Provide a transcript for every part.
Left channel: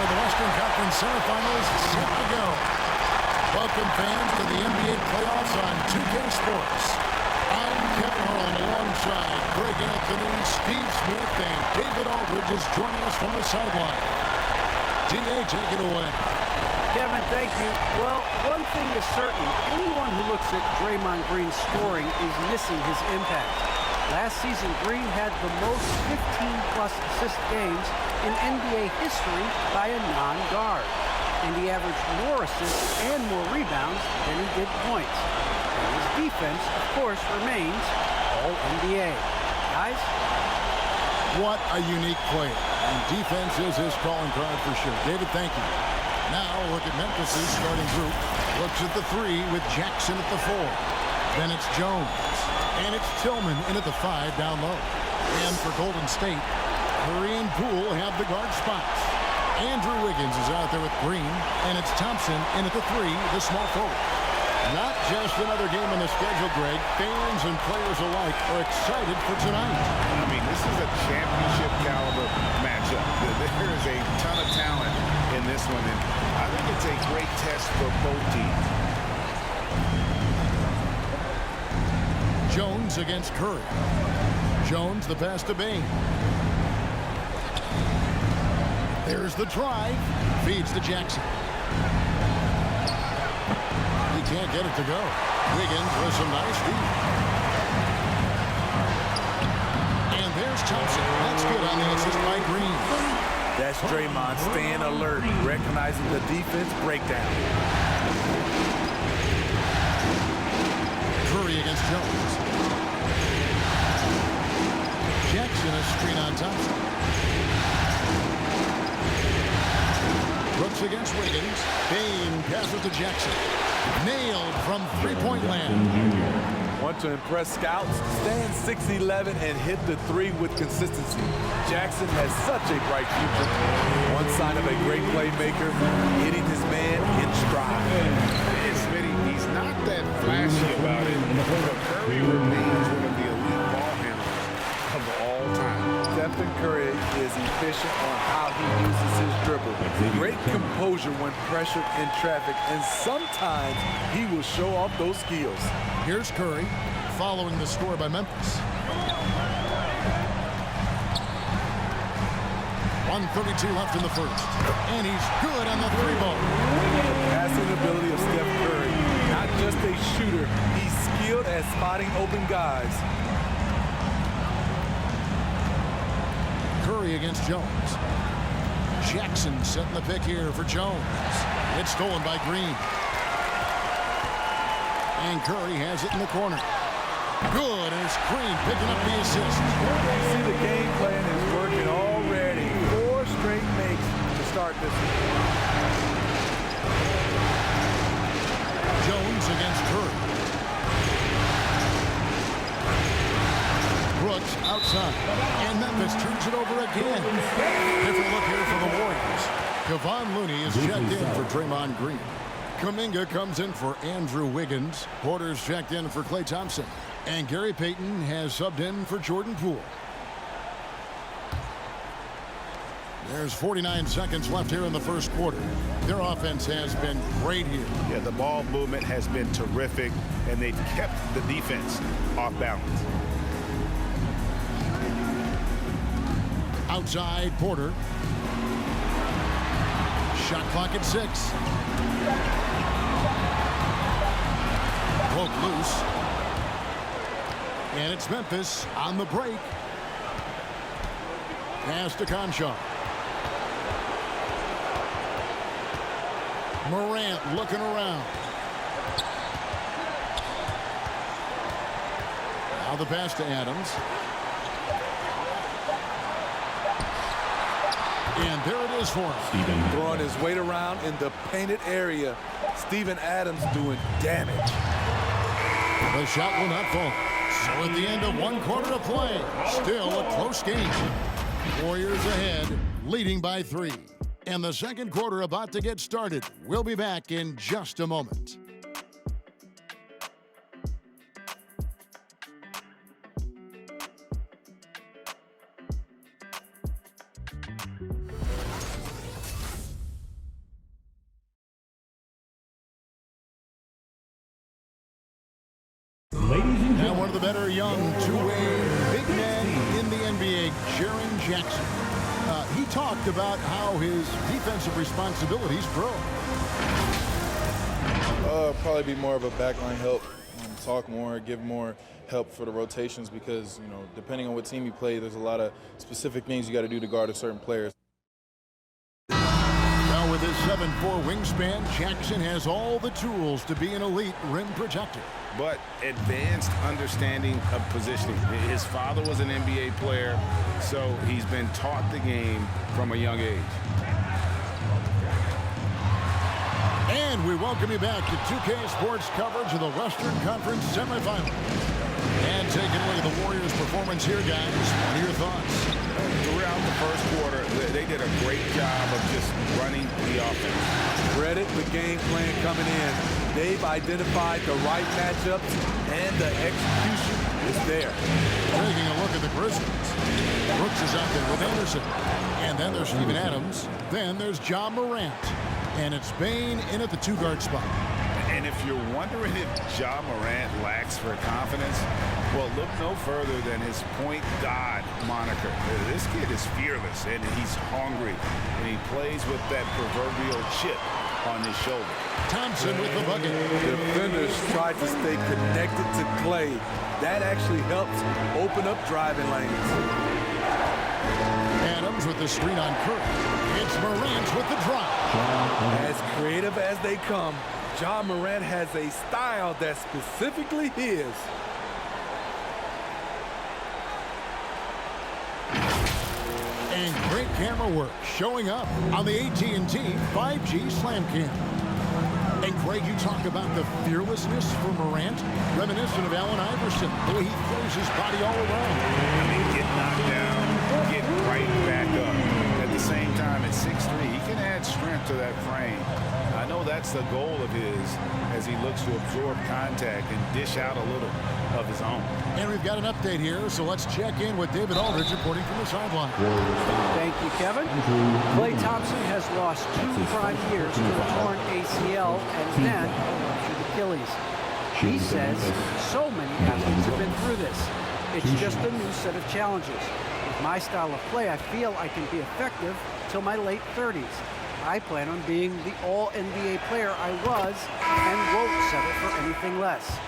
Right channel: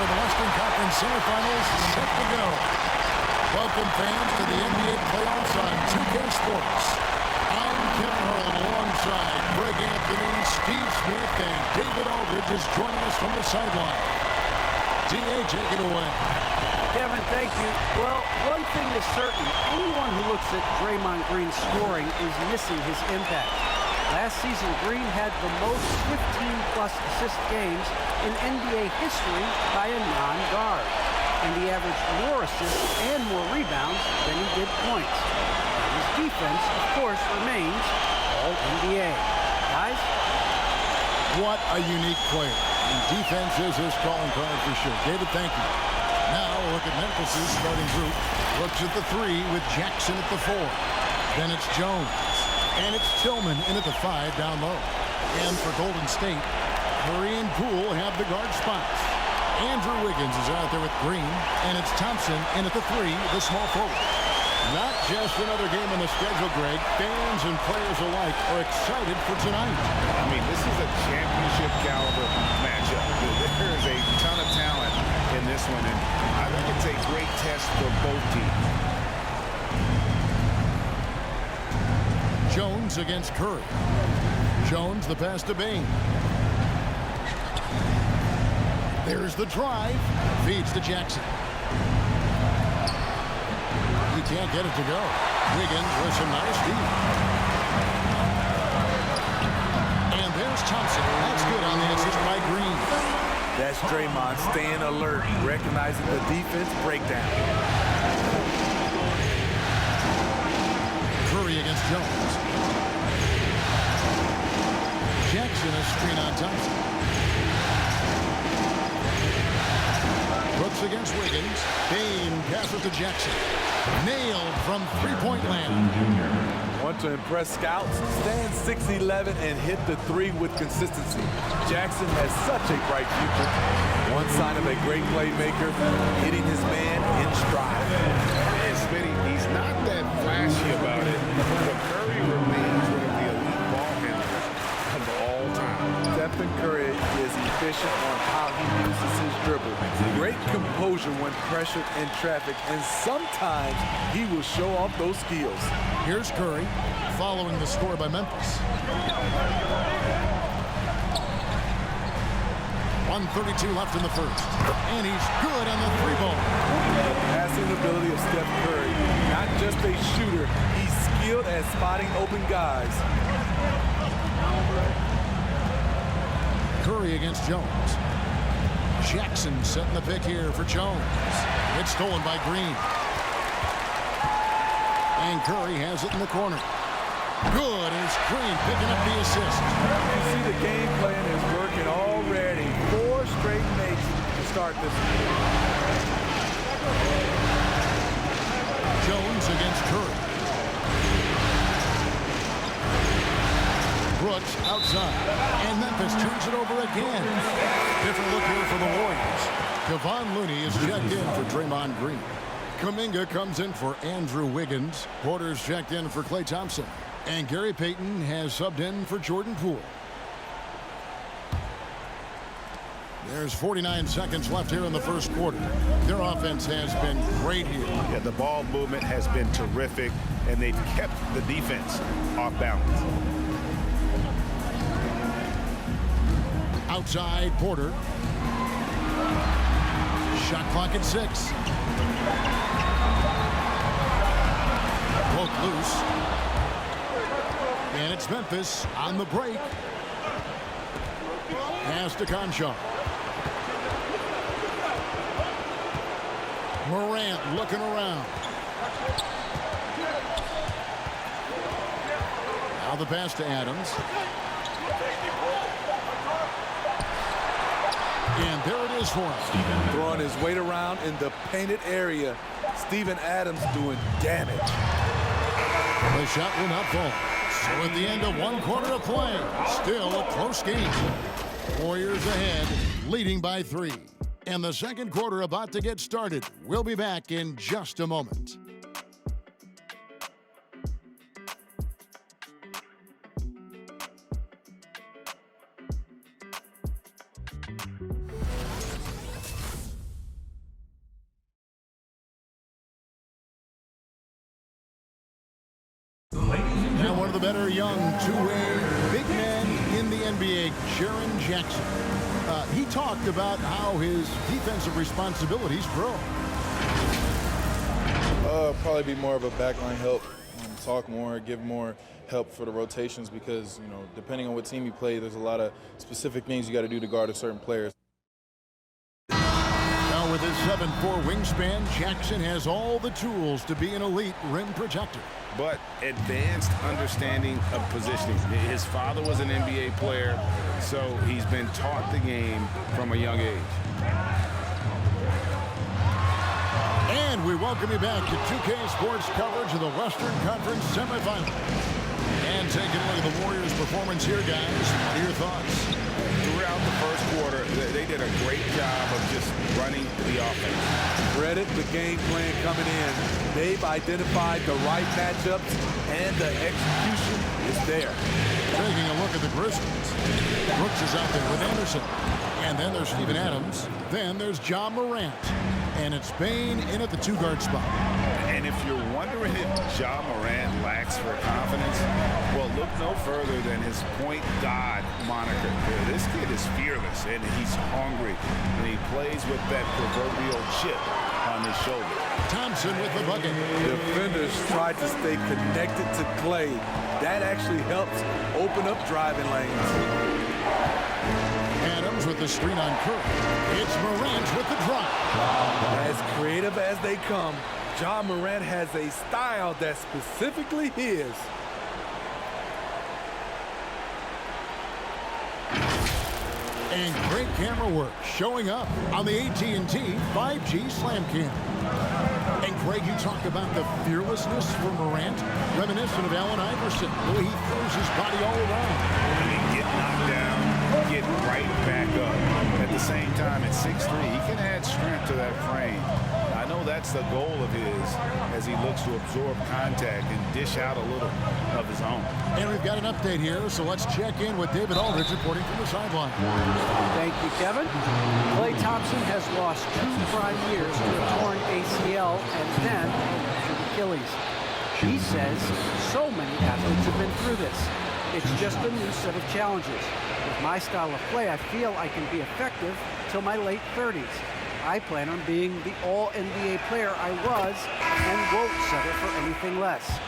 The Western Conference Semifinals set to go. Welcome, fans, to the NBA playoffs on 2K Sports. I'm Kevin Harlan alongside Greg Anthony, Steve Smith, and David Aldridge is joining us from the sideline. D.A., take it away. Kevin, thank you. Well, one thing is certain. Anyone who looks at Draymond Green's scoring is missing his impact. Last season, Green had the most 15-plus assist games in NBA history by a non-guard. And he averaged more assists and more rebounds than he did points. And his defense, of course, remains All-NBA. Guys? What a unique player. And defense is his calling card for sure. David, thank you. Now look at Memphis' starting group. Looks at the 3 with Jackson at the 4. Then it's Jones. And it's Tillman in at the 5 down low. And for Golden State, Curry and Poole have the guard spots. Andrew Wiggins is out there with Green. And it's Thompson in at the 3, the small forward. Not just another game on the schedule, Greg. Fans and players alike are excited for tonight. I mean, this is a championship caliber matchup. There is a ton of talent in this one, and I think it's a great test for both teams. Jones against Curry. Jones the pass to Bain. There's the drive. Feeds to Jackson. He can't get it to go. Wiggins with some nice D. And there's Thompson. That's good on the assist by Green. That's Draymond staying alert, recognizing the defense breakdown. Curry against Jones. Jackson a screen on Thompson. Brooks against Wiggins. Bain passes to Jackson. Nailed from three-point land. Want to impress scouts? Stand 6'11" and hit the 3 with consistency. Jackson has such a bright future. One sign of a great playmaker, hitting his man in stride. And Smitty, he's not that flashy about it, but Curry remains one of the elite ball handlers of all time. Stephen Curry is efficient on how he uses his dribble. Great composure when pressured in traffic, and sometimes he will show off those skills. Here's Curry following the score by Memphis. 1:32 left in the first. And he's good on the 3-ball. The passing ability of Steph Curry, not just a shooter, he's skilled at spotting open guys. Curry against Jones. Jackson setting the pick here for Jones. It's stolen by Green. And Curry has it in the corner. Good, and it's Green picking up the assist. You see the game plan is working already. 4 straight makes to start this one. Jones against Curry. Brooks outside. And Memphis turns it over again. Different look here for the Warriors. Kevon Looney is checked in for Draymond Green. Kuminga comes in for Andrew Wiggins. Porter's checked in for Klay Thompson. And Gary Payton has subbed in for Jordan Poole. There's 49 seconds left here in the first quarter. Their offense has been great here. Yeah, the ball movement has been terrific, and they've kept the defense off balance. Outside, Porter. Shot clock at 6. Poke loose. And it's Memphis on the break. Pass to Conchar. Morant looking around. Now the pass to Adams. And there it is for him. Throwing his weight around in the painted area. Steven Adams doing damage. The shot will not fall. So at the end of 1 quarter of play, still a close game. Warriors ahead, leading by 3. And the second quarter about to get started. We'll be back in just a moment. of the better young two-way big men in the NBA, Jaren Jackson. He talked about how his defensive responsibilities grow. Probably be more of a backline help, talk more, give more help for the rotations because, you know, depending on what team you play, there's a lot of specific things you got to do to guard a certain player. Now with his 7'4" wingspan, Jackson has all the tools to be an elite rim protector. But advanced understanding of positioning. His father was an NBA player, so he's been taught the game from a young age. And we welcome you back to 2K Sports coverage of the Western Conference Semifinals. And taking a look at the Warriors' performance here, guys. What are your thoughts? Throughout the first quarter, they did a great job of just running the offense. Credit the game plan coming in. They've identified the right matchups, and the execution is there. Taking a look at the Grizzlies. Brooks is out there with Anderson. And then there's Steven Adams. Then there's Ja Morant. And it's Bane in at the two-guard spot. And if you're wondering if Ja Morant lacks for confidence, well, look no further than his point god moniker. This kid is fearless, and he's hungry, and he plays with that proverbial chip on his shoulder. Thompson with the bucket. Defenders tried to stay connected to Clay. That actually helps open up driving lanes. Adams with the screen on Curry. It's Morant with the drive. As creative as they come, Ja Morant has a style that's specifically his. And great camera work showing up on the AT&T 5G Slam Cam. And Greg, you talk about the fearlessness for Morant, reminiscent of Allen Iverson, the way he throws his body all around. I mean, get knocked down, get right back up. At the same time, at 6'3", he can add strength to that frame. I know that's the goal of his as he looks to absorb contact and dish out a little of his own. And we've got an update here, so let's check in with David Aldridge reporting from the sideline. Thank you, Kevin. Klay Thompson has lost 2 prime years to a torn ACL and then a ruptured Achilles. He says so many athletes have been through this. It's just a new set of challenges. With my style of play, I feel I can be effective till my late 30s. I plan on being the all-NBA player I was and won't settle for anything less.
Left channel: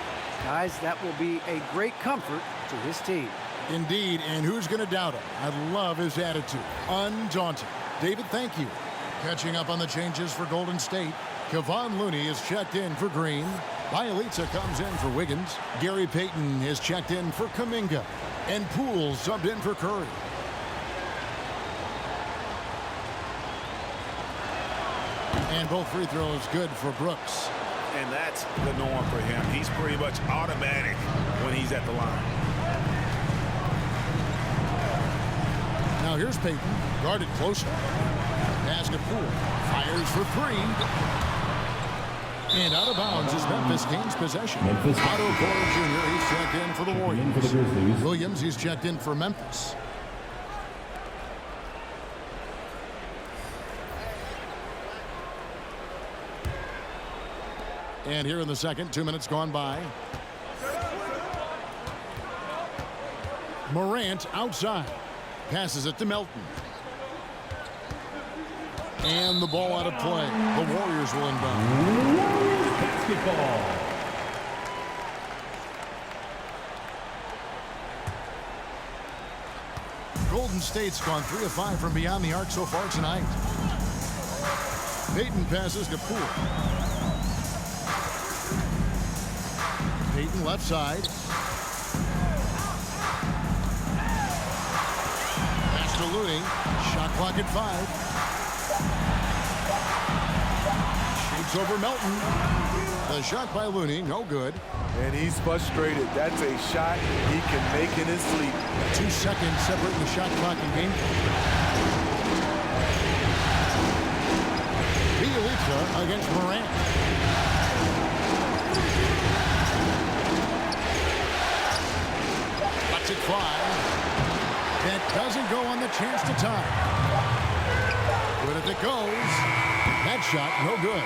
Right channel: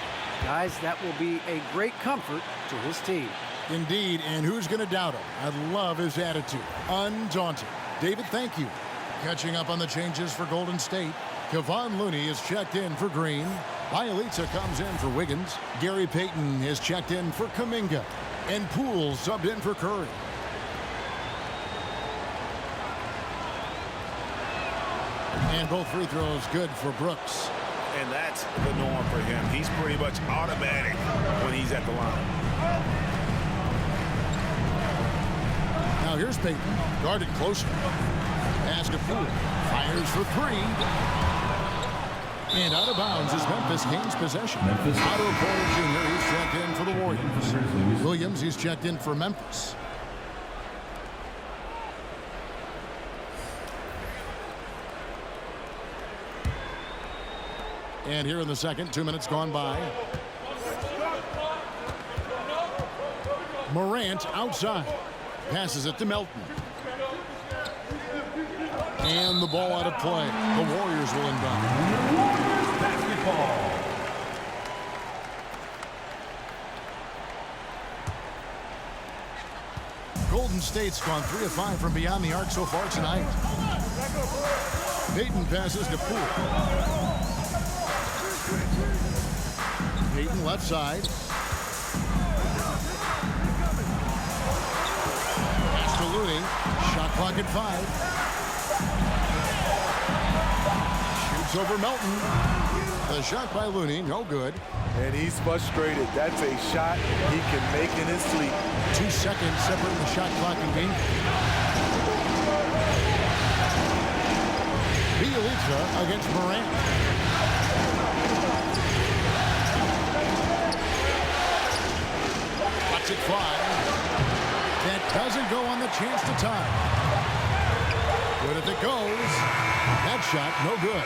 Guys, that will be a great comfort to his team. Indeed, and who's going to doubt him? I love his attitude. Undaunted. David, thank you. Catching up on the changes for Golden State. Kevon Looney is checked in for Green. Bielitsa comes in for Wiggins. Gary Payton is checked in for Kuminga. And Poole subbed in for Curry. And both free throws good for Brooks. And that's the norm for him. He's pretty much automatic when he's at the line. Now here's Payton, guarded closer. Pass to Poole. Fires for 3. And out of bounds is Memphis gains possession. Otto Porter Jr., he's checked in for the Warriors. Williams, he's checked in for Memphis. And here in the second, 2 minutes gone by. Morant outside. Passes it to Melton. And the ball out of play. The Warriors will inbound. Warriors basketball. Golden State's gone 3 of 5 from beyond the arc so far tonight. Payton passes to Poole. Payton left side. Pass to Looney. Shot clock at 5. Shoots over Melton. The shot by Looney, no good. And he's frustrated. That's a shot he can make in his sleep. 2 seconds separating the shot clock and game. Bielitsa against Morant. Lets it fly. That doesn't go on the chance to tie. Good if it goes. That shot, no good.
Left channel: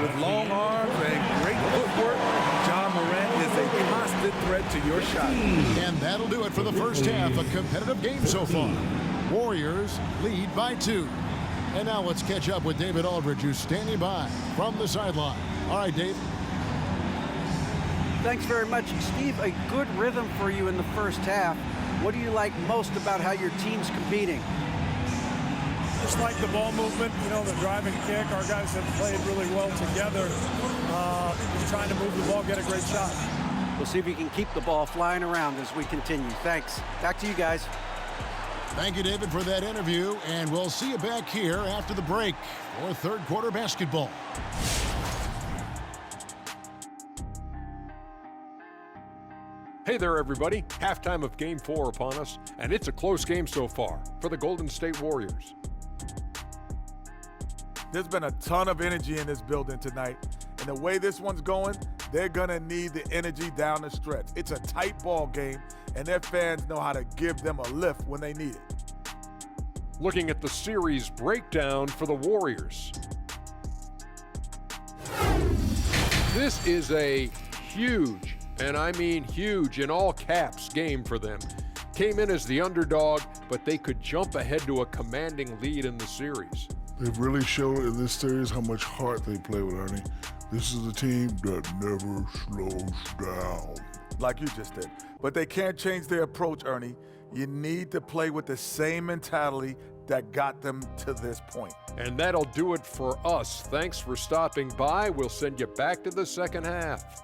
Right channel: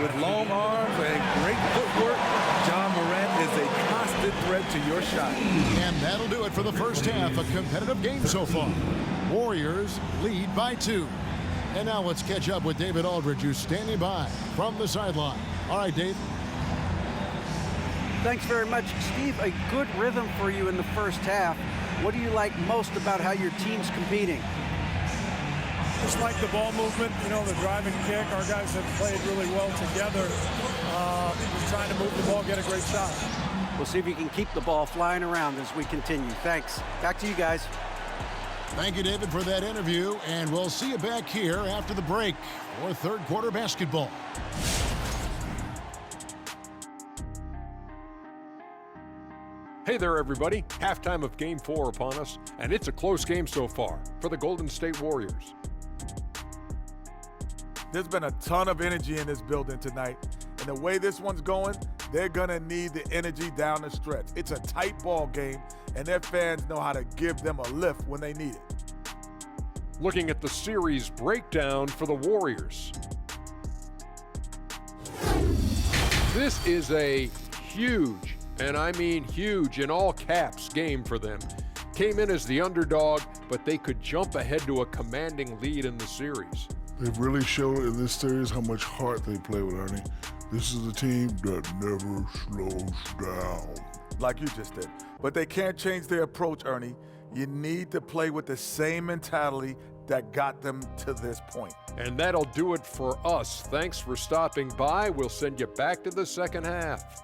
With long arms and great footwork, Ja Morant is a constant threat to your shot. And that'll do it for the first half. A competitive game so far. Warriors lead by 2. And now let's catch up with David Aldridge, who's standing by from the sideline. All right, Dave. Thanks very much, Steve. A good rhythm for you in the first half. What do you like most about how your team's competing? Just like the ball movement, you know, the drive and kick. Our guys have played really well together. Just trying to move the ball, get a great shot. We'll see if you can keep the ball flying around as we continue. Thanks. Back to you guys. Thank you, David, for that interview. And we'll see you back here after the break for third quarter basketball. Hey there, everybody. Halftime of Game 4 upon us, and it's a close game so far for the Golden State Warriors. There's been a ton of energy in this building tonight, and the way this one's going, they're going to need the energy down the stretch. It's a tight ball game, and their fans know how to give them a lift when they need it. Looking at the series breakdown for the Warriors. This is a huge, and I mean huge in all caps, game for them. Came in as the underdog, but they could jump ahead to a commanding lead in the series. They've really shown in this series how much heart they play with, Ernie. This is a team that never slows down. Like you just did. But they can't change their approach, Ernie. You need to play with the same mentality that got them to this point. And that'll do it for us. Thanks for stopping by. We'll send you back to the second half.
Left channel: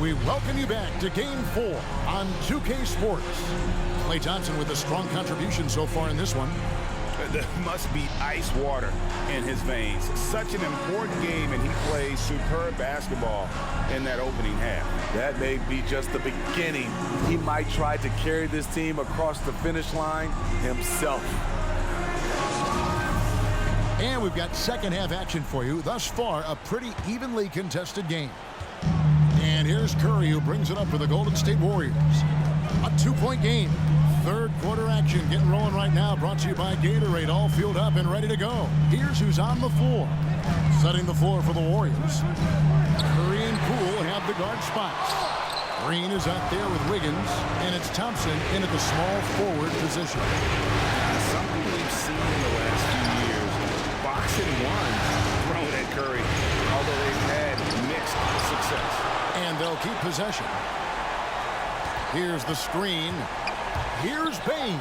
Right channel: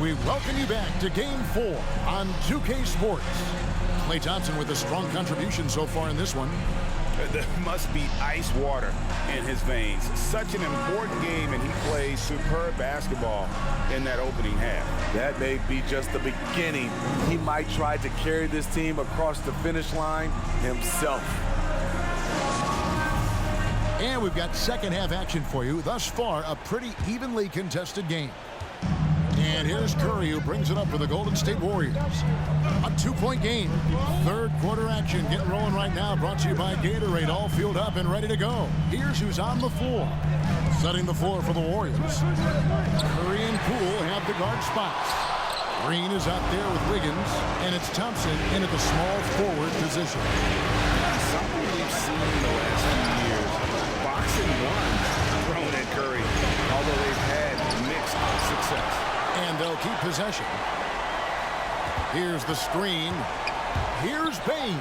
We welcome you back to Game 4 on 2K Sports. Klay Thompson with a strong contribution so far in this one. There must be ice water in his veins. Such an important game, and he plays superb basketball in that opening half. That may be just the beginning. He might try to carry this team across the finish line himself. And we've got second half action for you. Thus far, a pretty evenly contested game. And here's Curry, who brings it up for the Golden State Warriors. A 2-point game. Third quarter action getting rolling right now. Brought to you by Gatorade. All fueled up and ready to go. Here's who's on the floor. Setting the floor for the Warriors. Curry and Poole have the guard spots. Green is out there with Wiggins. And it's Thompson in at the small forward position. Something we've seen in the last few years. Boxing one thrown at Curry, although they've had mixed success. And they'll keep possession. Here's the screen. Here's Bain.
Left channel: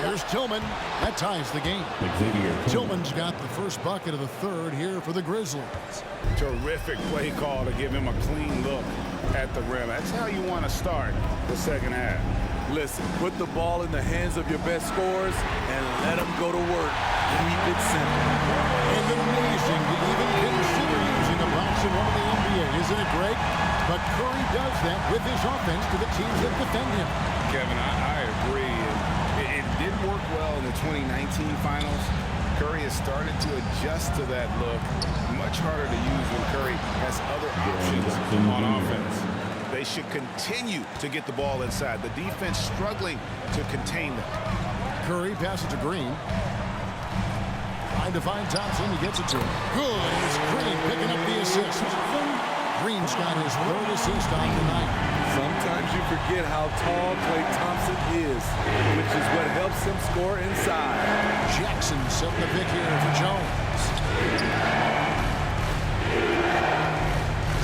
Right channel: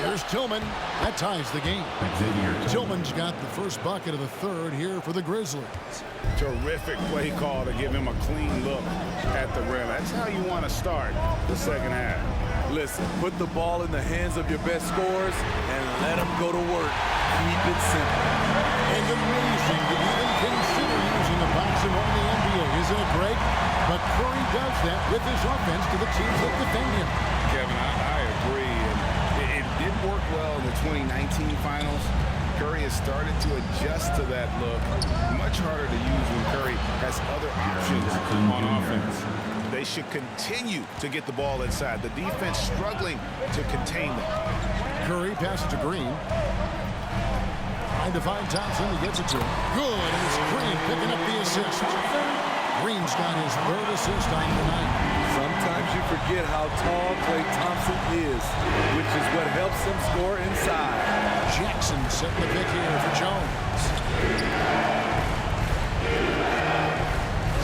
Here's Tillman. That ties the game. Tillman's got the first bucket of the third here for the Grizzlies. Terrific play call to give him a clean look at the rim. That's how you want to start the second half. Listen, put the ball in the hands of your best scorers and let them go to work. Keep it simple. And amazing to even consider using a box and one in the NBA. Isn't it great? But Curry does that with his offense to the teams that defend him. Kevin, I agree. And it did work well in the 2019 finals. Curry has started to adjust to that look. Much harder to use when Curry has other options on offense. They should continue to get the ball inside. The defense struggling to contain them. Curry passes to Green. Trying to find Thompson. He gets it to him. Good. And it's Green picking up the assist. Green's got his third assist on the night. Sometimes you forget how tall Klay Thompson is, which is what helps him score inside. Jackson setting the pick here for Jones.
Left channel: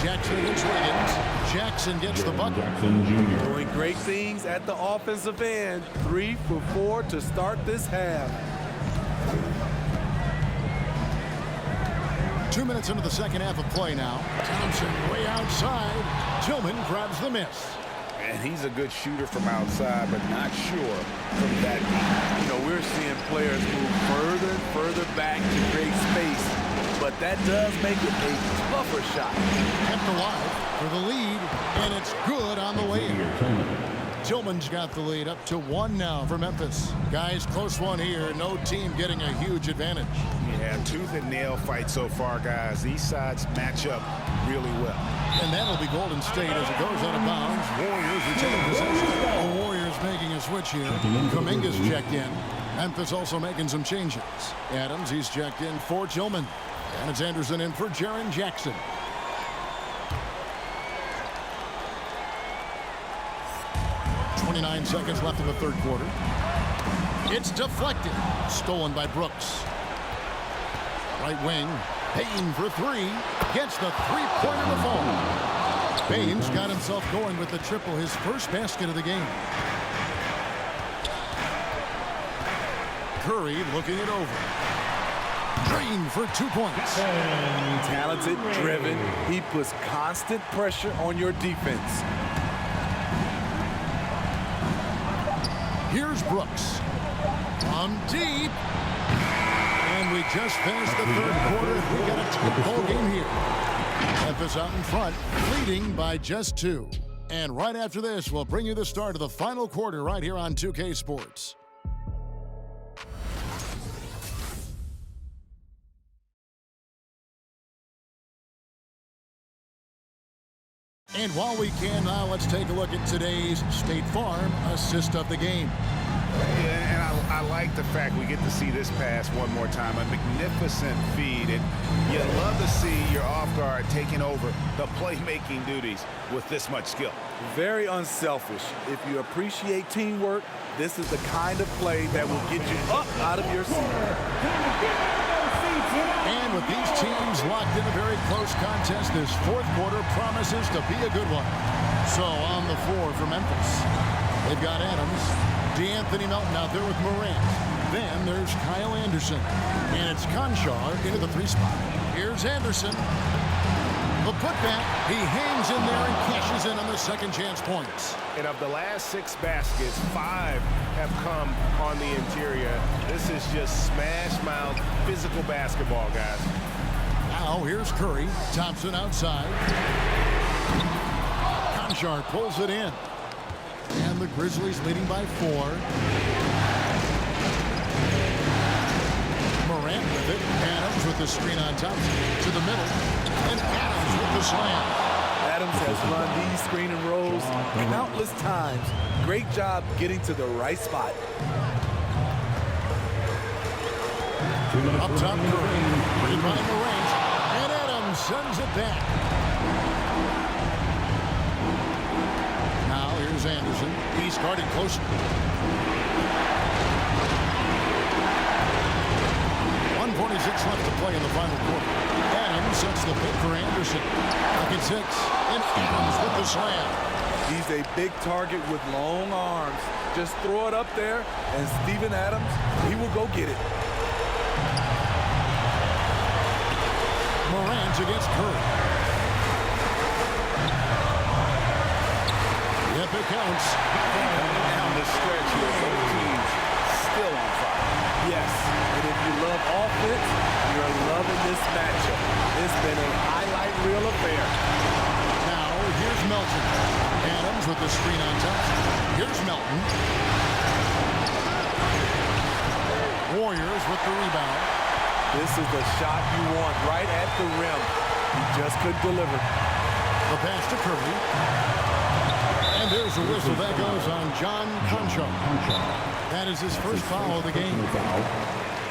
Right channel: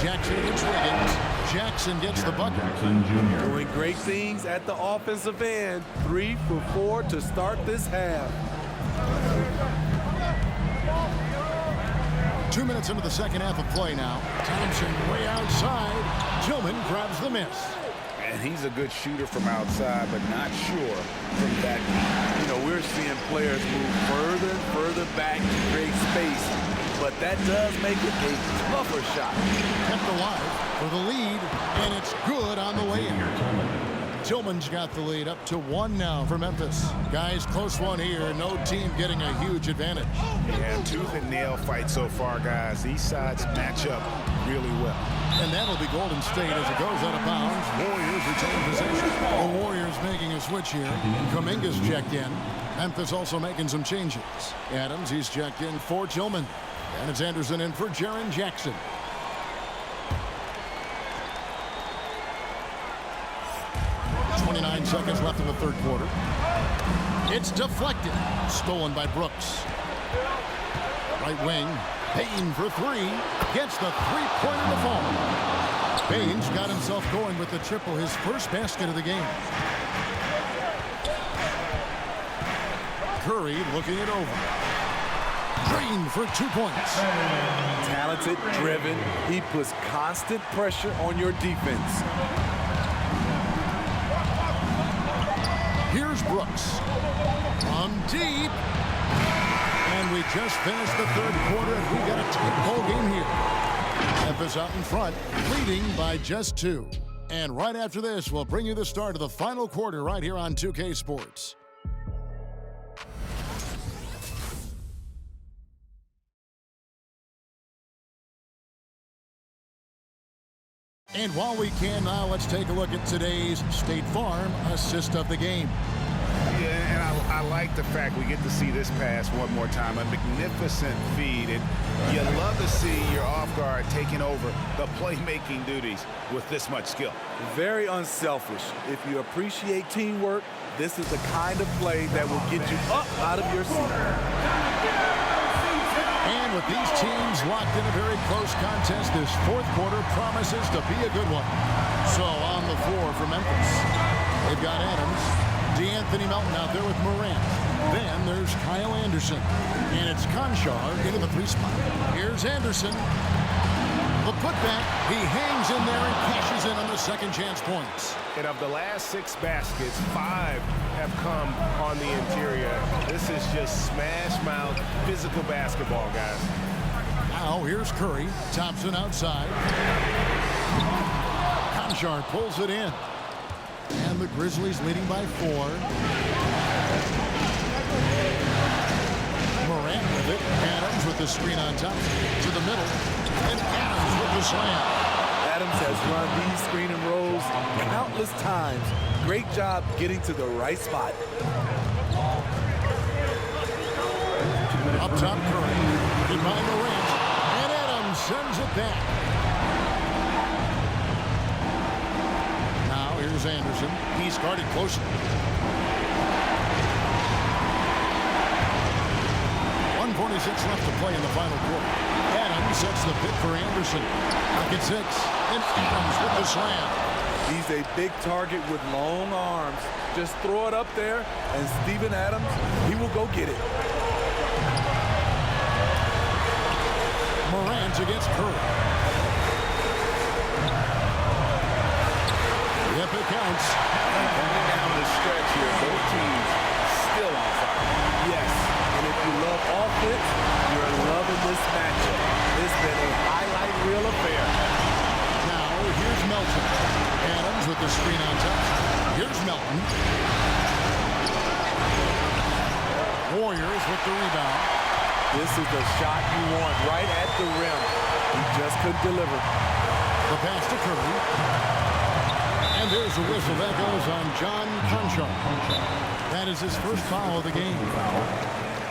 Jackson against Wiggins. Jackson gets the bucket. Doing great things at the offensive end. 3 for 4 to start this half. 2 minutes into the second half of play now. Thompson way outside. Tillman grabs the miss. And he's a good shooter from outside, but not sure from that deep. You know, we're seeing players move further and further back to create space, but that does make it a tougher shot. Kept alive for the lead, and it's good on the way in. Tillman's got the lead up to 1 now for Memphis. Guys, close one here. No team getting a huge advantage. Yeah, tooth and nail fight so far, guys. These sides match up really well. And that'll be Golden State as it goes out of bounds. Warriors retain possession. The Warriors making a switch here. Kuminga's checked in. Memphis also making some changes. Adams, he's checked in for Tillman. And it's Anderson in for Jaren Jackson. .29 seconds left in the third quarter. It's deflected. Stolen by Brooks. Right wing. Payne for 3. Gets the three-pointer to fall. Payne's got himself going with the triple, his first basket of the game. Curry looking it over. Drained for 2 points. Talented, driven. He puts constant pressure on your defense. Here's Brooks. From deep. And we just finished the third quarter, and we got a tight ball game here. Memphis out in front, leading by just 2. And right after this, we'll bring you the start of the final quarter right here on 2K Sports. And while we can now, let's take a look at today's State Farm assist of the game. Yeah, and I like the fact we get to see this pass one more time. A magnificent feed, and you love to see your off guard taking over the playmaking duties with this much skill. Very unselfish. If you appreciate teamwork, this is the kind of play that will get you up out of your seat. And with these teams locked in a very close contest, this fourth quarter promises to be a good one. So on the floor for Memphis, they've got Adams, DeAnthony Melton out there with Morant. Then there's Kyle Anderson. And it's Conchar into the 3 spot. Here's Anderson. The putback, he hangs in there and cashes in on the second chance points. And of the last 6 baskets, 5 have come on the interior. This is just smash mouth physical basketball, guys. Now here's Curry. Thompson outside. Conchar pulls it in. And the Grizzlies leading by 4. Morant with it. Adams with the screen on Thompson. To the middle. And Adams with the slam. Adams has run these screen and rolls countless times. Great job getting to the right spot. Up top, Curry. Bring by Morant. And Adams sends it back. Now here's Anderson. He's guarded closely. 1:46 left to play in the final quarter. Adams sets the pick for Anderson. Pocket 6. And Adams with the slam. He's a big target with long arms. Just throw it up there, and Steven Adams, he will go get it. Morant against Curry. Yep, it counts. And coming down the stretch here, both teams still on fire. Yes, and if you love offense, you're loving this matchup. It's been a highlight reel affair. Now, here's Melton. Adams with the screen on top. Here's Melton. Warriors with the rebound. This is the shot you want right at the rim. He just couldn't deliver. The pass to Curry. And there's a whistle. That goes on John Conchar. That is his first foul of the game.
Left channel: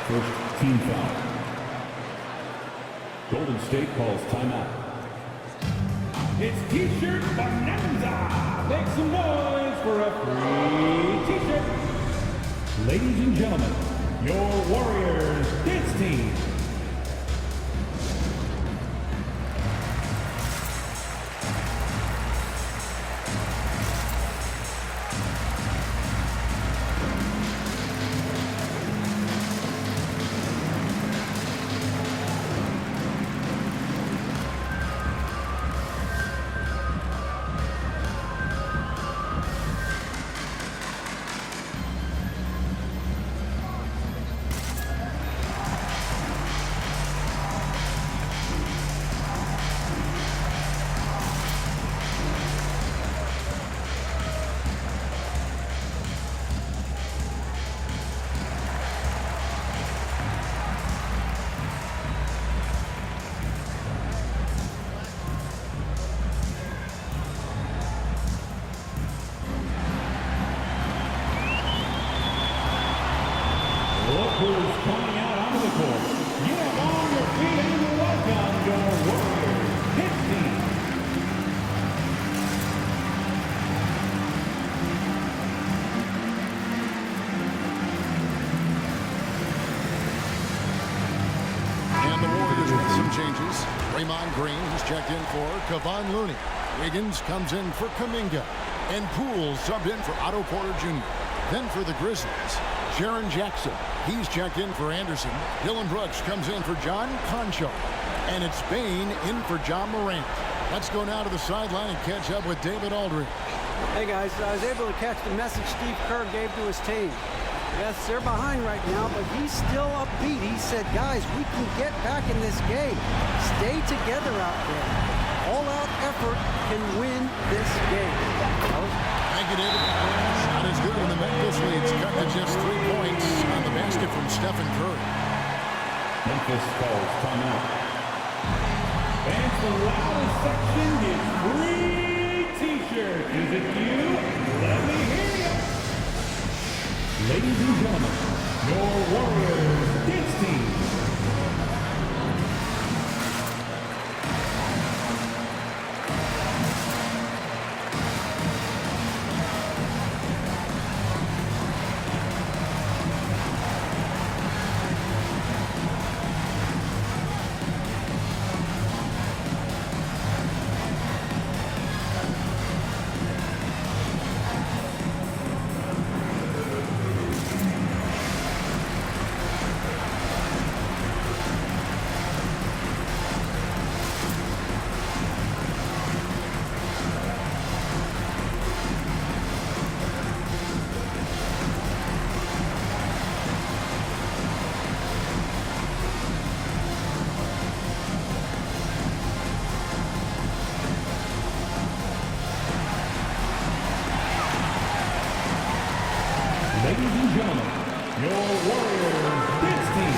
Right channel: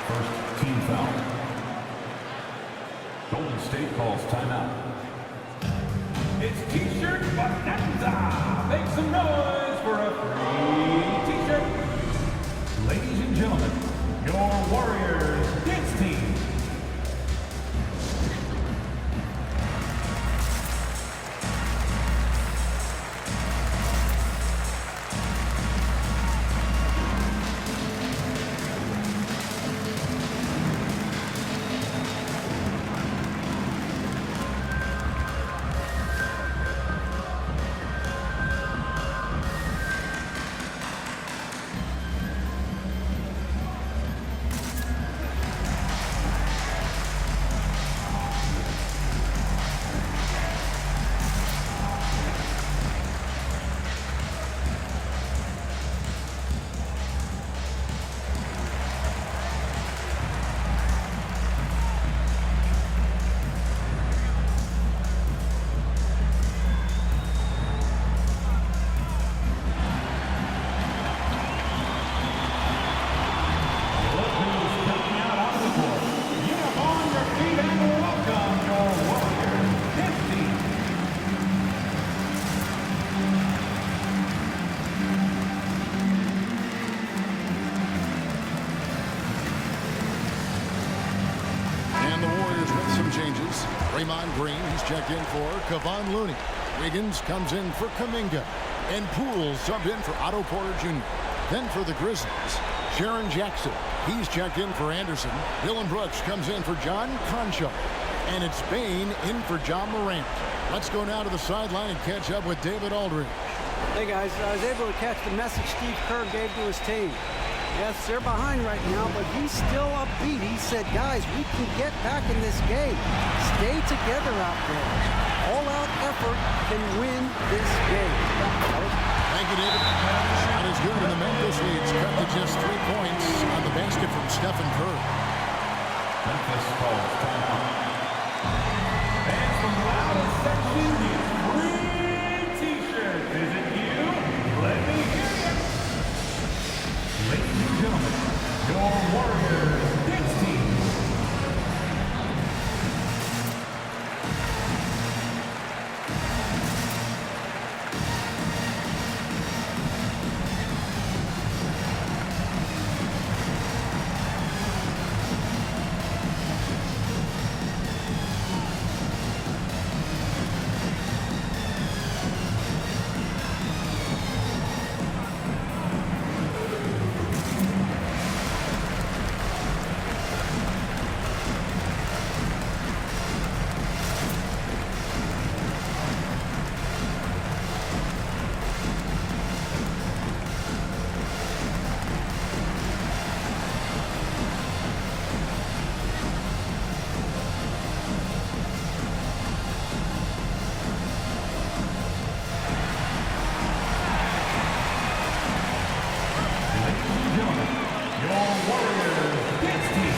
First team foul. Golden State calls timeout. It's T-shirt bonanza. Make some noise for a free T-shirt. Ladies and gentlemen, your Warriors dance team. Some changes. Draymond Green, he's checked in for Kevon Looney. Wiggins comes in for Kuminga. And Poole subbed in for Otto Porter Jr. Then for the Grizzlies, Jaren Jackson. He's checked in for Anderson. Dylan Brooks comes in for John Concho. And it's Bane in for John Morant. Let's go now to the sideline and catch up with David Aldridge. Hey guys, I was able to catch the message Steve Kerr gave to his team. Yes, they're behind right now, but he's still upbeat. He said, guys, we can get back in this game. Stay together out there. All-out effort can win this game. Thank you, David. Shot is good, and the Memphis lead's cut to just 3 points on the basket from Stephen Curry. Memphis calls timeout. Fans, the loudest section is free T-shirts. Is it you? Let me hear you. Ladies and gentlemen, your Warriors dance team. Ladies and gentlemen, your Warriors dance team.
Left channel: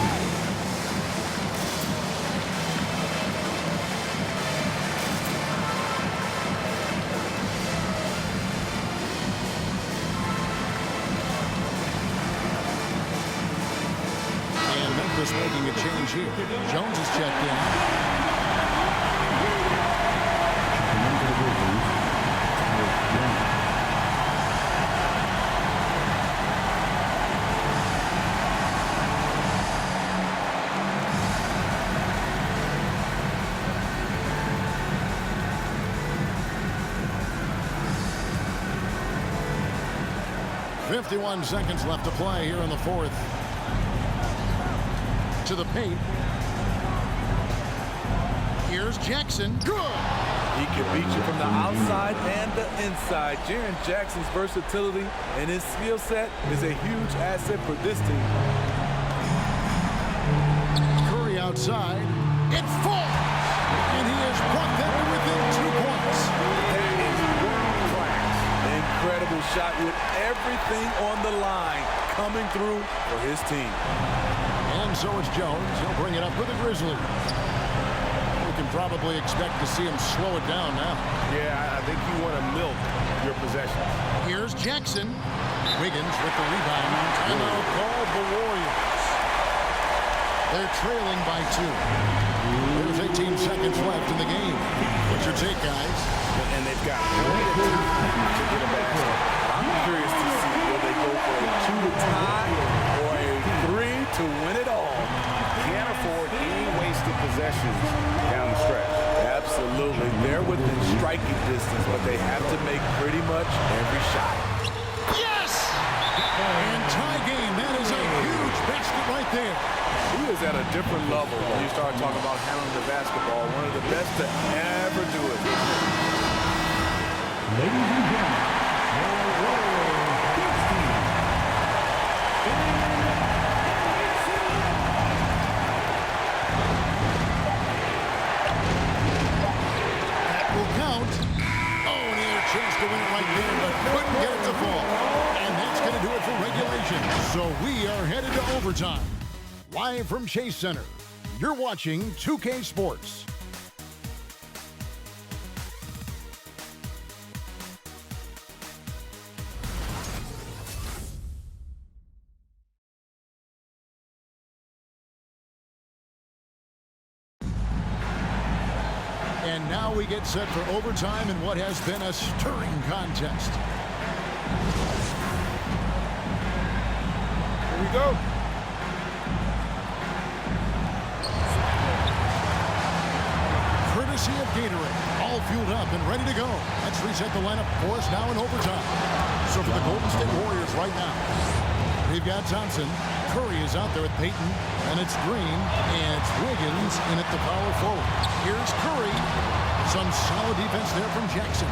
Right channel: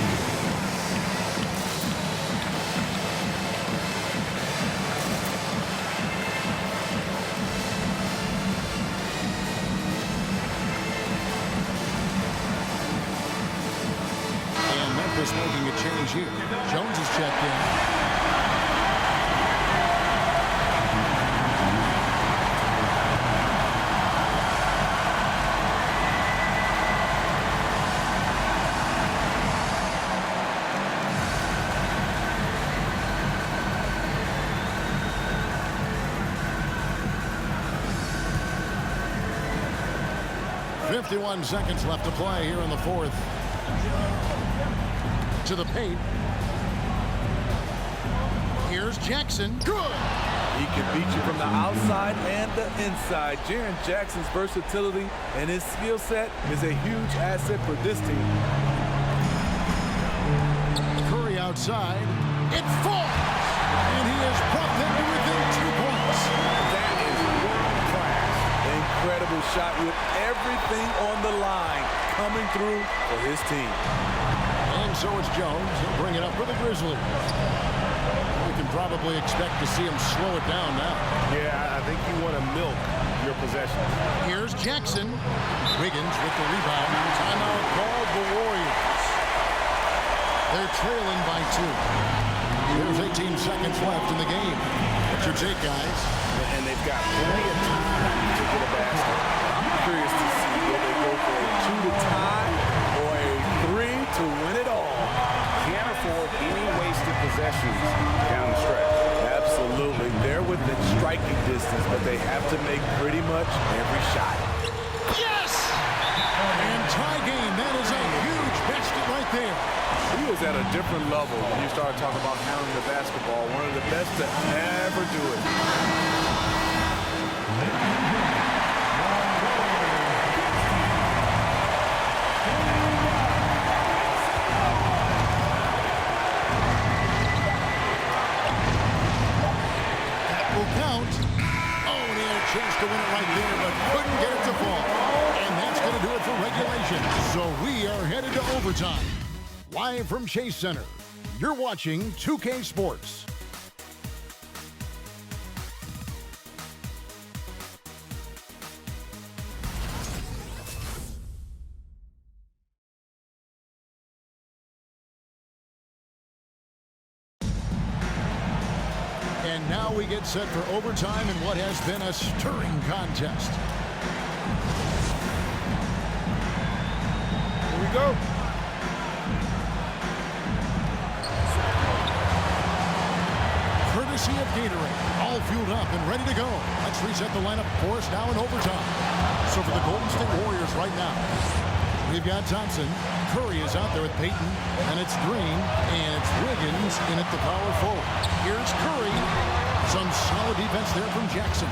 And Memphis making a change here. Jones is checked in. 51 seconds left to play here in the fourth. To the paint. Here's Jackson. Good. He can beat you from the outside and the inside. Jaren Jackson's versatility and his skill set is a huge asset for this team. Curry outside. It falls. And he has brought them to within 2 points. That is world class. Incredible shot with everything on the line coming through for his team. And so it's Jones. He'll bring it up for the Grizzlies. We can probably expect to see him slow it down now. Yeah, I think you want to milk your possessions. Here's Jackson. Wiggins with the rebound. Timeout called the Warriors. They're trailing by 2. There's 18 seconds left in the game. What's your take, guys? And they've got plenty of time to get a basket. But I'm curious to see will they go for a 2 to tie or a 3 to win it all. Can't afford any wasted possessions down the stretch. Absolutely. They're within striking distance, but they have to make pretty much every shot. Yes! And tie game. That is a huge basket right there. He is at a different level when you start talking about handling the basketball. One of the best to ever do it. Ladies and gentlemen, your Warriors dance team. That will count. Oh, and he had a chance to win it right there, but couldn't get it to fall. And that's going to do it for regulation. So we are headed to overtime. Live from Chase Center, you're watching 2K Sports. And now we get set for overtime in what has been a stirring contest. Here we go. courtesy of Gatorade. All fueled up and ready to go. Let's reset the lineup for us now in overtime. So for the Golden State Warriors right now, we've got Thompson. Curry is out there with Payton, and it's Green, and it's Wiggins in at the power forward. Here's Curry. Some solid defense there from Jackson.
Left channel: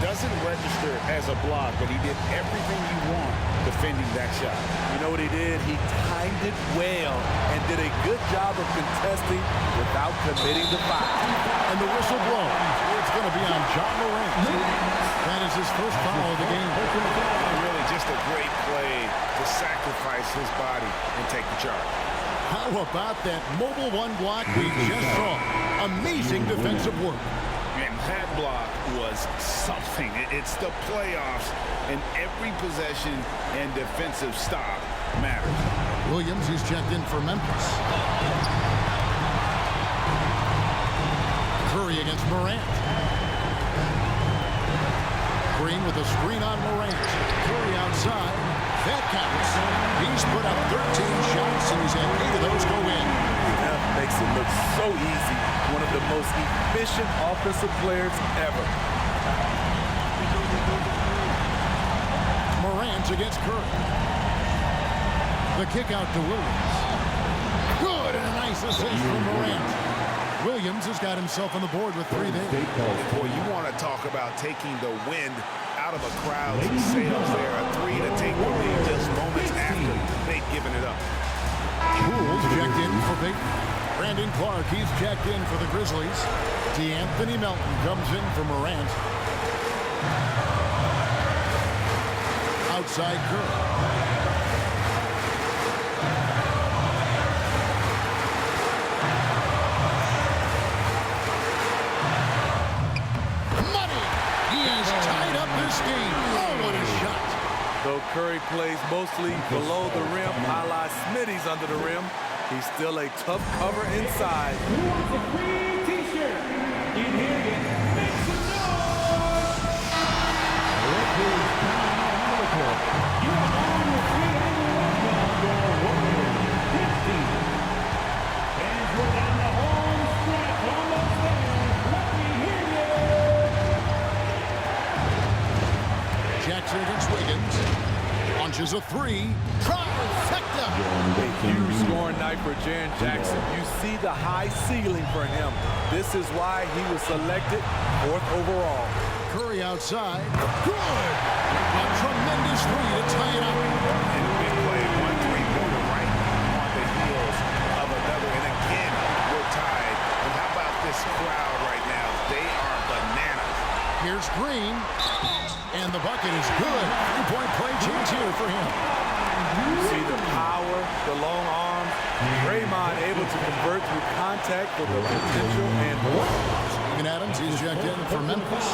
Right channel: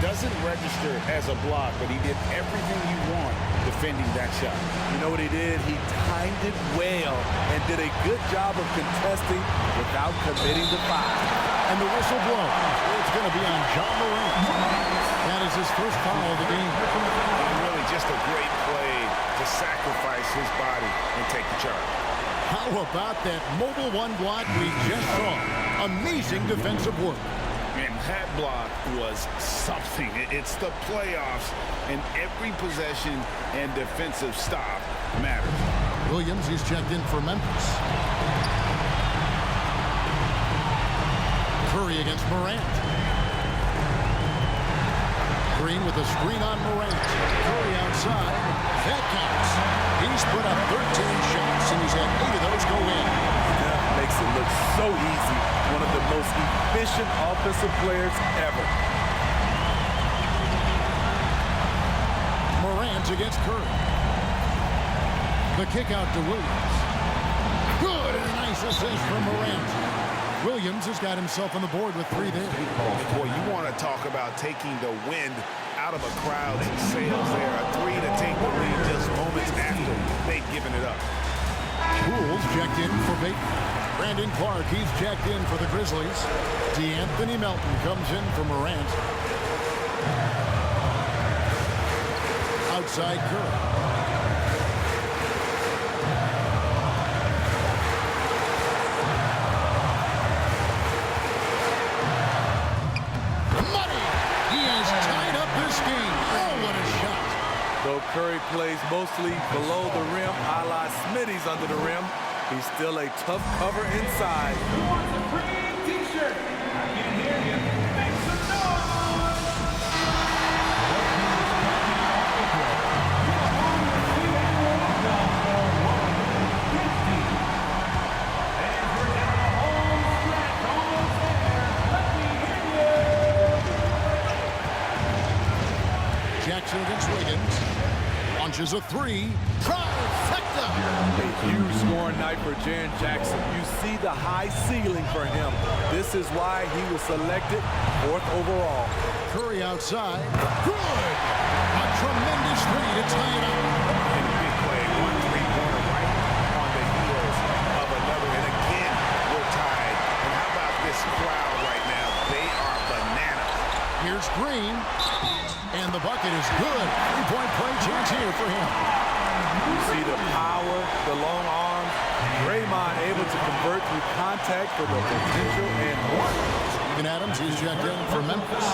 Doesn't register as a block, but he did everything you want defending that shot. You know what he did? He timed it well and did a good job of contesting without committing the foul. And the whistle blows. It's going to be on John Morant. That is his first foul of the game. And really just a great play to sacrifice his body and take the charge. How about that mobile one block we just saw? Amazing defensive work. And that block was something. It's the playoffs, and every possession and defensive stop matters. Williams, he's checked in for Memphis. Curry against Morant. Green with a screen on Morant. Curry outside. That counts. He's put up 13 shots, and he's had 8 of those go in. That makes it look so easy. One of the most efficient offensive players ever. Morant against Curry. The kick out to Williams. Good, and a nice assist from Morant. Williams has got himself on the board with 3 there. And boy, you want to talk about taking the wind out of a crowd's sails there. A 3 to take the lead just moments after they'd given it up. Poole's checked in for Payton. Brandon Clark, he's checked in for the Grizzlies. DeAnthony Melton comes in for Morant. Outside Curry. Tied up this game. Oh, what a shot. Though Curry plays mostly below the rim, a la Smitty's under the rim, he's still a tough cover inside. Who wants a free t-shirt? I can't hear you. Make some noise! Look who's coming out on the court. You are on your feet and welcome your Warriors. This team. Fans, we're down the home stretch. Almost there. Let me hear you. Jackson against Wiggins. Launches a 3. Trifecta. A huge scoring night for Jaren Jackson. You see the high ceiling for him. This is why he was selected 4th overall. Curry outside. Good. A tremendous 3 to tie it up. And a big play. 1 3-pointer right on the heels of another. And again, we're tied. And how about this crowd right now? They are bananas. Here's Green. And the bucket is good. 3-point play chance here for him. You see the power, the long arms. Draymond able to convert through contact for the potential and more. Steven Adams, he's checked in for Memphis.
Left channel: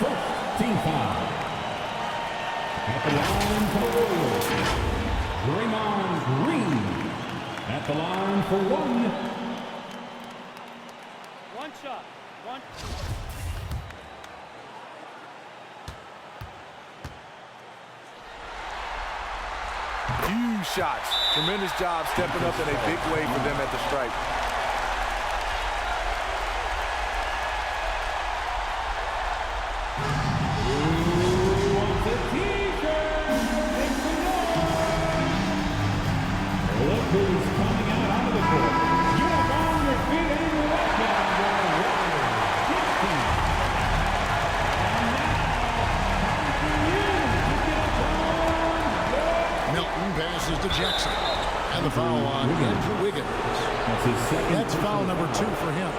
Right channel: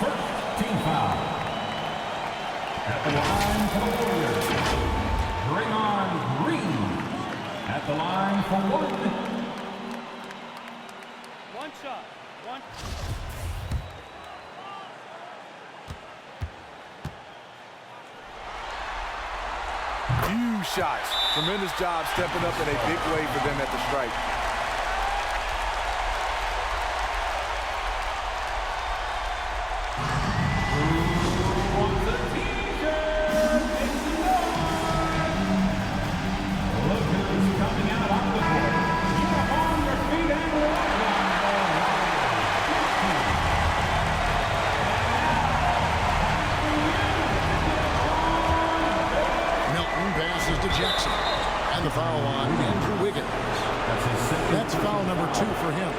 First team foul. At the line for the Warriors. Draymond Green. At the line for 1. One shot. One. Huge shots. Tremendous job stepping up in a big way for them at the stripe. Who wants a t-shirt? Make some noise. Look who's coming out onto the court. You are on your feet and welcome your Warriors. This team. And now, time for you to get up on your... Melton passes to Jackson. And the foul on Andrew Wiggins. That's his second. That's foul number 2 for him.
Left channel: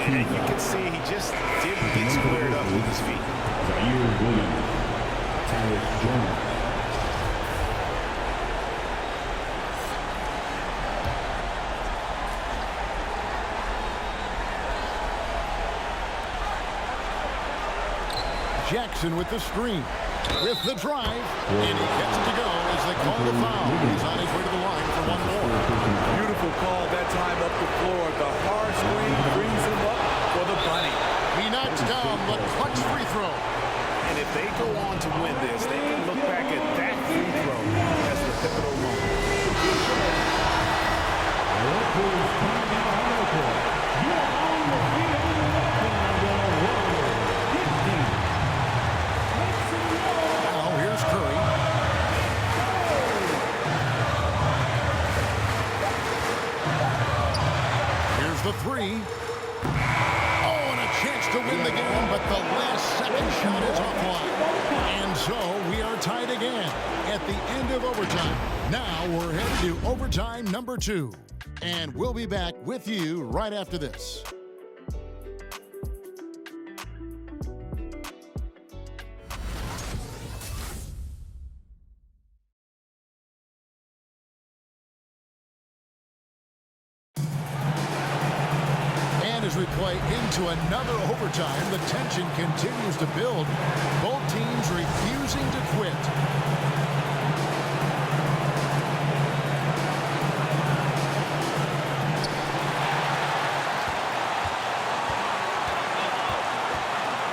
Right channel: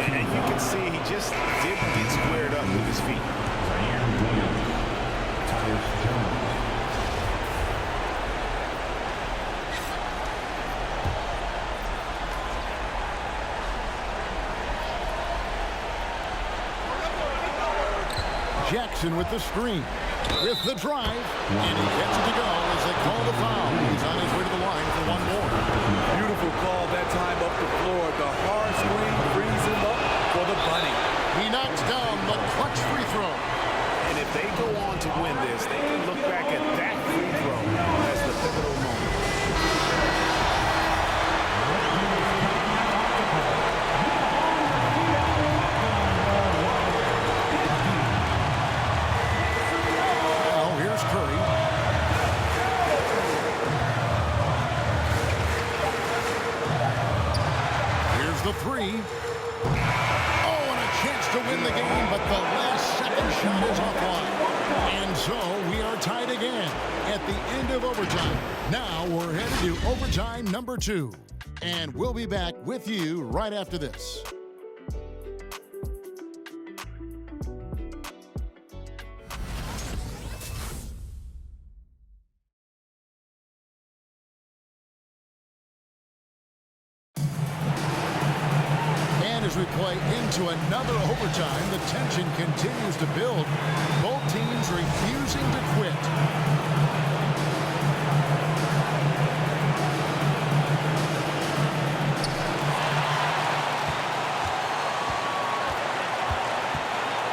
And you can see he just didn't get squared up with his feet. Zaire Williams. Tyus Jones. Jackson with the screen. With the drive. And he gets it to go as they call the foul. He's on his way to the line for 1 more. Beautiful call that time up the floor. The hard screen brings him up for the bunny. He knocks down the clutch free throw. And if they go on to win this, they can look back at that free throw as the pivotal moment. Look who's coming out onto the court. You are on your feet three. Oh, and a chance to win the game, but the last second shot is offline. And so we are tied again at the end of overtime. Now we're headed to overtime number 2. And we'll be back with you right after this. As we play into another overtime, the tension continues to build. Both teams refusing to quit.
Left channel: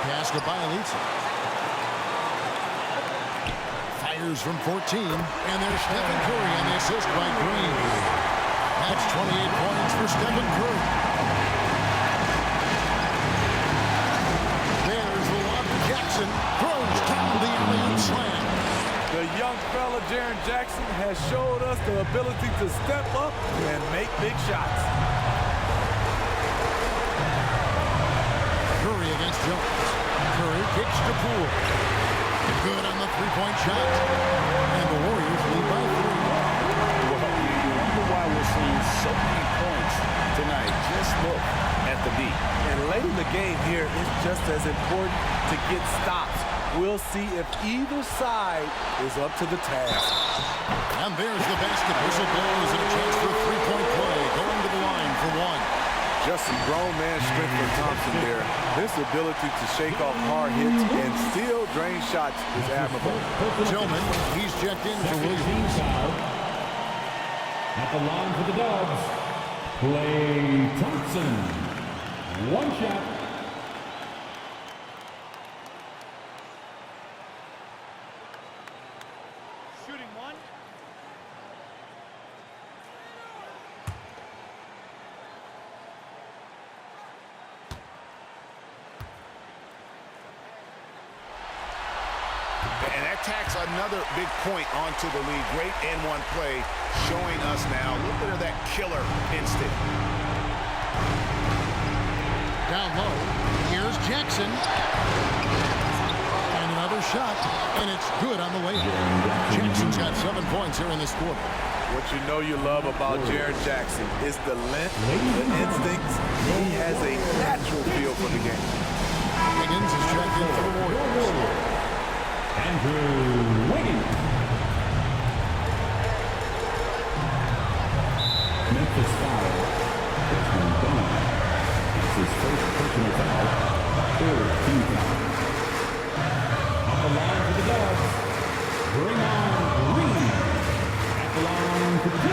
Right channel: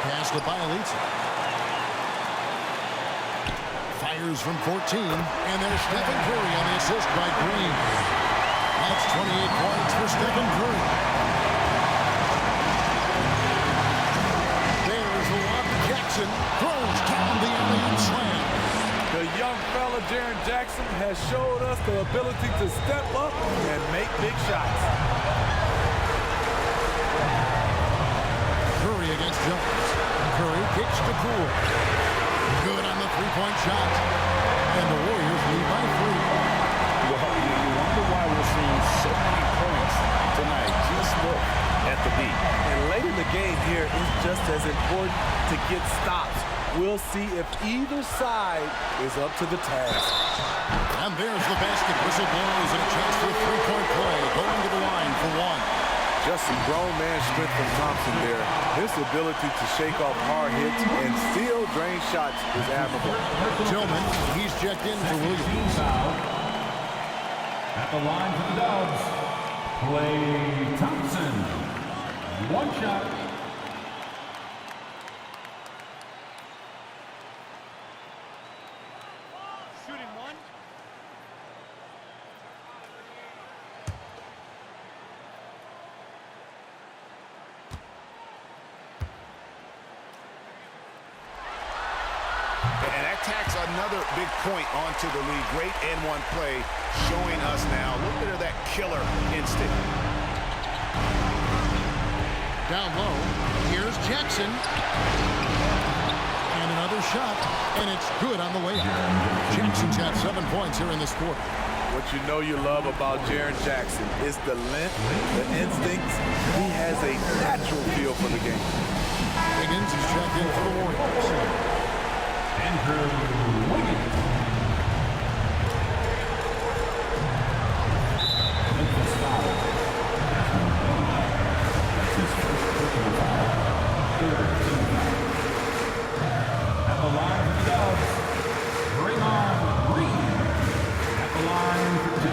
Pass to Bielitsa. Fires from 14, and there's Stephen Curry on the assist by Green. That's 28 points for Stephen Curry. There's the lob to Jackson. Throws down the alley-oop slam. The young fella, Jaren Jackson, has showed us the ability to step up and make big shots. Curry against Jones. Curry kicks to Poole. Good on the three-point shot. And the Warriors lead by 3. Well, you wonder why we're seeing so many points tonight. Just look at the D. And late in the game here, it's just as important to get stops. We'll see if either side is up to the task. And there's the basket. Whistle blows and a chance for a three-point play. Going to the line for 1. Just some grown man strength from Thompson there. His ability to shake off hard hits and still drain shots is admirable. Tillman, he's checked in for Williams. At the line for the Dubs, Klay Thompson. 1 shot. Shooting 1. And that tacks another big point onto the lead. Great N1 play showing us now a little bit of that killer instinct. Down low, here's Jackson. And another shot, and it's good on the way up. Jackson's got 7 points here in this quarter. What you know you love about Jaren Jackson is the length, the instincts. He has a natural feel for the game. Wiggins is checked in for the Warriors. Andrew Wiggins. Memphis foul. That's his first personal foul. 3rd team foul. At the line for the Dubs, bring on Green. At the line for 2.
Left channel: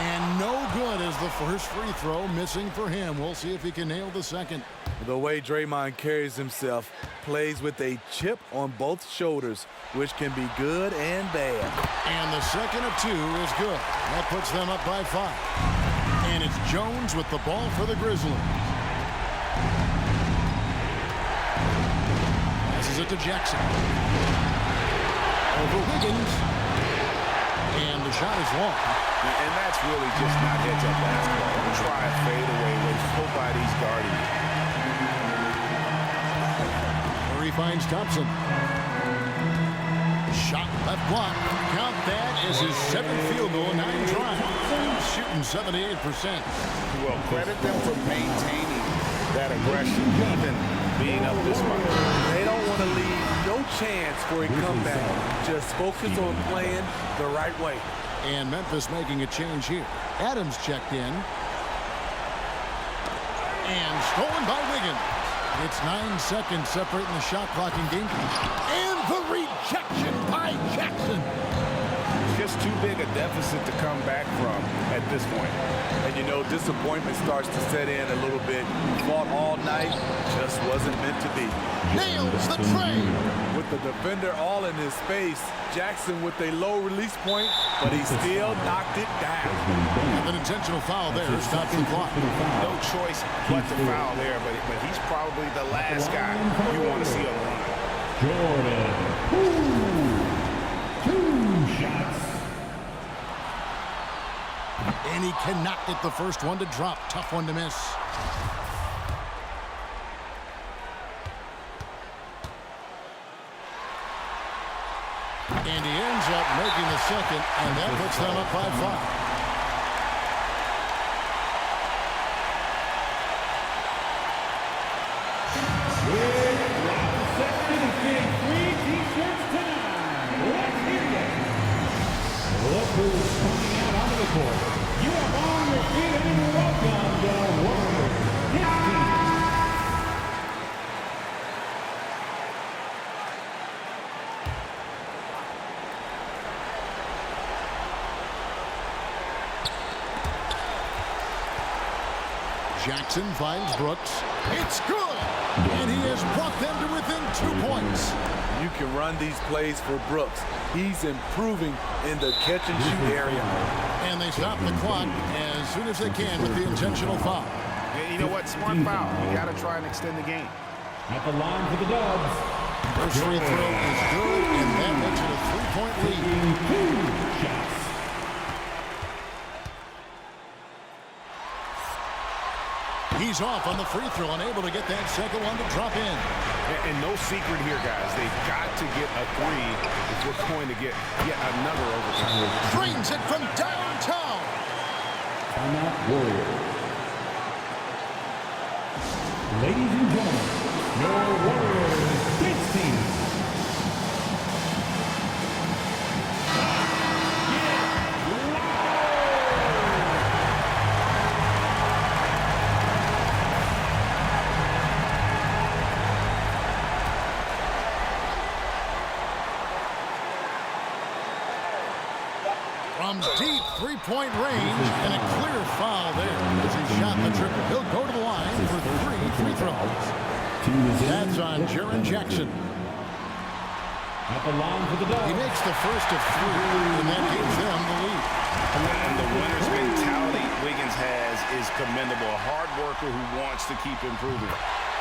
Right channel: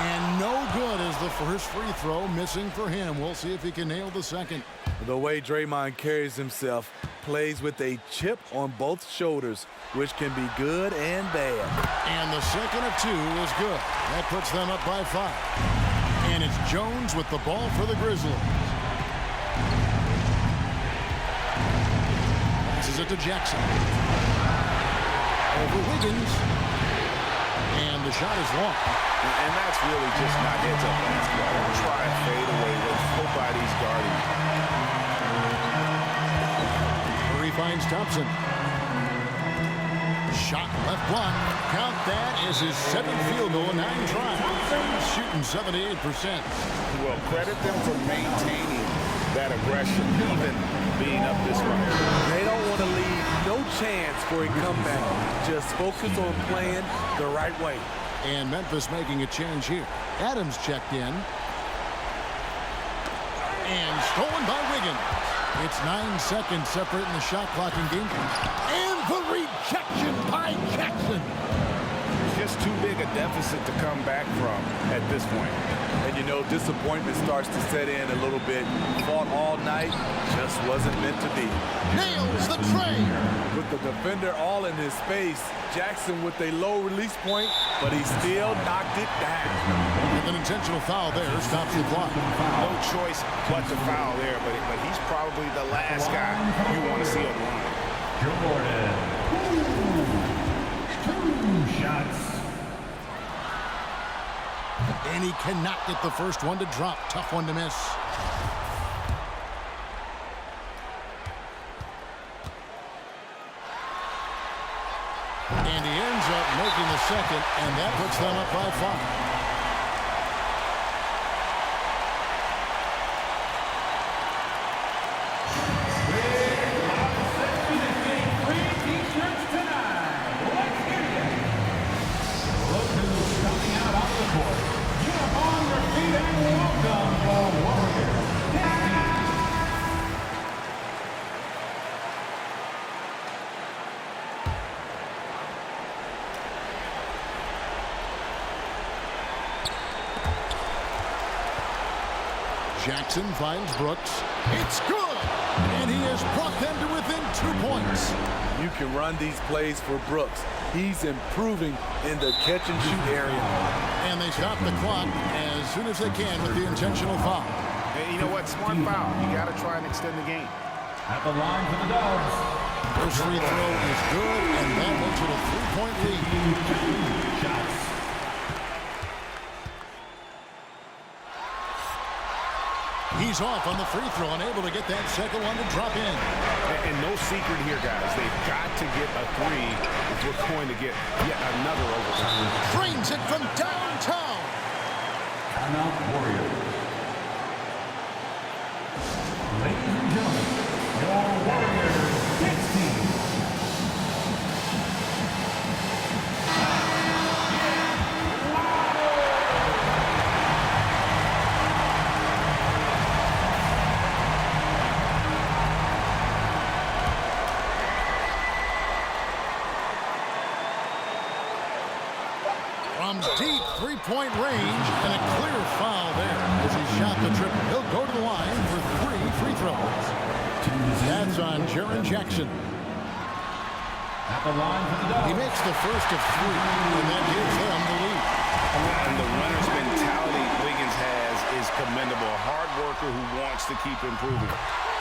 And no good as the first free throw missing for him. We'll see if he can nail the second. The way Draymond carries himself, plays with a chip on both shoulders, which can be good and bad. And the second of 2 is good. That puts them up by 5. And it's Jones with the ball for the Grizzlies. Passes it to Jackson. Over Wiggins. And the shot is long. And that's really just not heads-up basketball. Don't try a fadeaway when nobody's guarding you. Curry finds Thompson. Shot left block. Count that as his 7th field goal in 9 tries. Shooting 78%. Well, credit them for maintaining that aggression, even being up this much. They don't want to leave no chance for a comeback. Just focus on playing the right way. And Memphis making a change here. Adams checked in. And stolen by Wiggins. It's 9 seconds separating the shot clock and game. And the rejection by Jackson. Just too big a deficit to come back from at this point. And you know, disappointment starts to set in a little bit. Fought all night, just wasn't meant to be. Nails the tray. With the defender all in his space, Jackson with a low release point, but he still knocked it down. And an intentional foul there stops the clock. No choice but to foul there, but he's probably the last guy you want to see on the line. Jordan. Ooh. 2 shots. And he cannot get the first one to drop. Tough one to miss. And he ends up making the second, and that puts them up by 5. With Robin Sexton is getting free T-shirts tonight. Let's hear you. Look who's coming out onto the court. Get up on your feet and welcome the Warriors. His team. Jackson finds Brooks. It's good! And he has brought them to within 2 points. You can run these plays for Brooks. He's improving in the catch-and-shoot area. And they stop the clock as soon as they can with the intentional foul. And you know what? Smart foul. You got to try and extend the game. At the line for the Dubs. First free throw is good, and that makes it a 3-point lead. 2 shots. He's off on the free throw, unable to get that second one to drop in. And no secret here, guys. They've got to get a 3 if we're going to get yet another overtime. Drains it from downtown. Timeout Warriors. Ladies and gentlemen, your Warriors dance team. From deep three-point range, and a clear foul there as he shot the triple. He'll go to the line for 3 free throws. That's on Jaren Jackson. At the line for the Dubs. He makes the first of 3, and that gives them the lead. And the winner's mentality Wiggins has is commendable. A hard worker who wants to keep improving.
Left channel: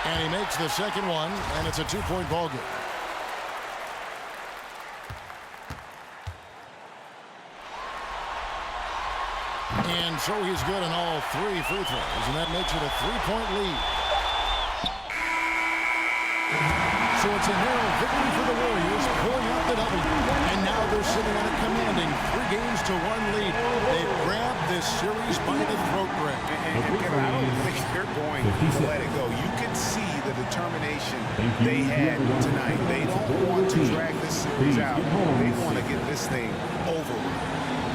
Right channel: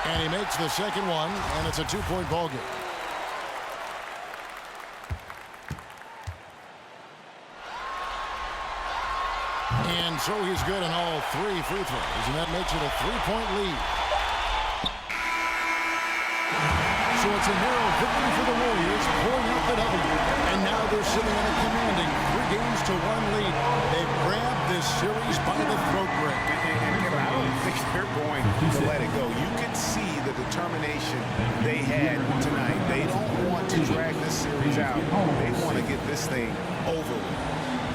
And he makes the second one, and it's a 2-point ball game. And so he's good on all 3 free throws, and that makes it a 3-point lead. So it's a narrow victory for the Warriors, pulling out the W. And now they're sitting on a commanding 3-1 lead. They've grabbed this series by the throat, Greg. And Kevin, I don't think they're going to let it go. You could see the determination they had tonight. They don't want to drag this series out. They want to get this thing over with.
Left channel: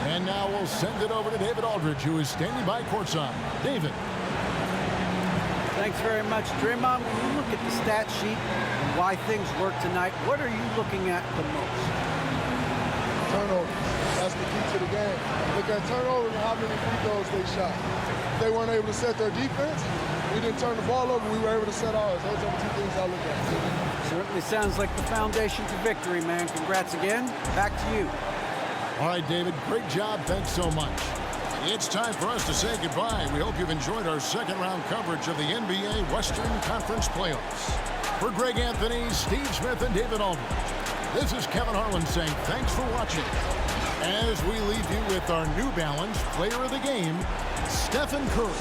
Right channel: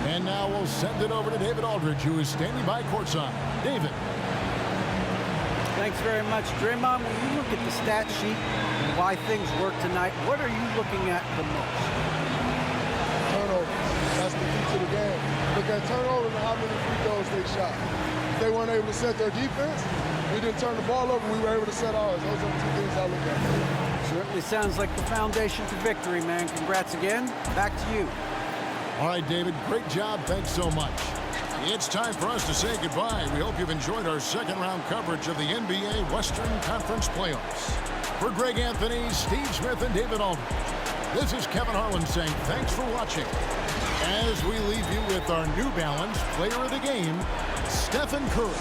And now we'll send it over to David Aldridge, who is standing by courtside. David. Thanks very much, Draymond. When you look at the stat sheet and why things work tonight, what are you looking at the most? Turnovers. That's the key to the game. Look at turnovers and how many free throws they shot. If they weren't able to set their defense, we didn't turn the ball over, we were able to set ours. Those are the 2 things I look at. Certainly sounds like the foundation to victory, man. Congrats again. Back to you. All right, David, great job. Thanks so much. It's time for us to say goodbye. We hope you've enjoyed our second-round coverage of the NBA Western Conference Playoffs. For Greg Anthony, Steve Smith, and David Aldridge, this is Kevin Harlan saying thanks for watching. As we leave you with our New Balance Player of the Game, Stephen Curry.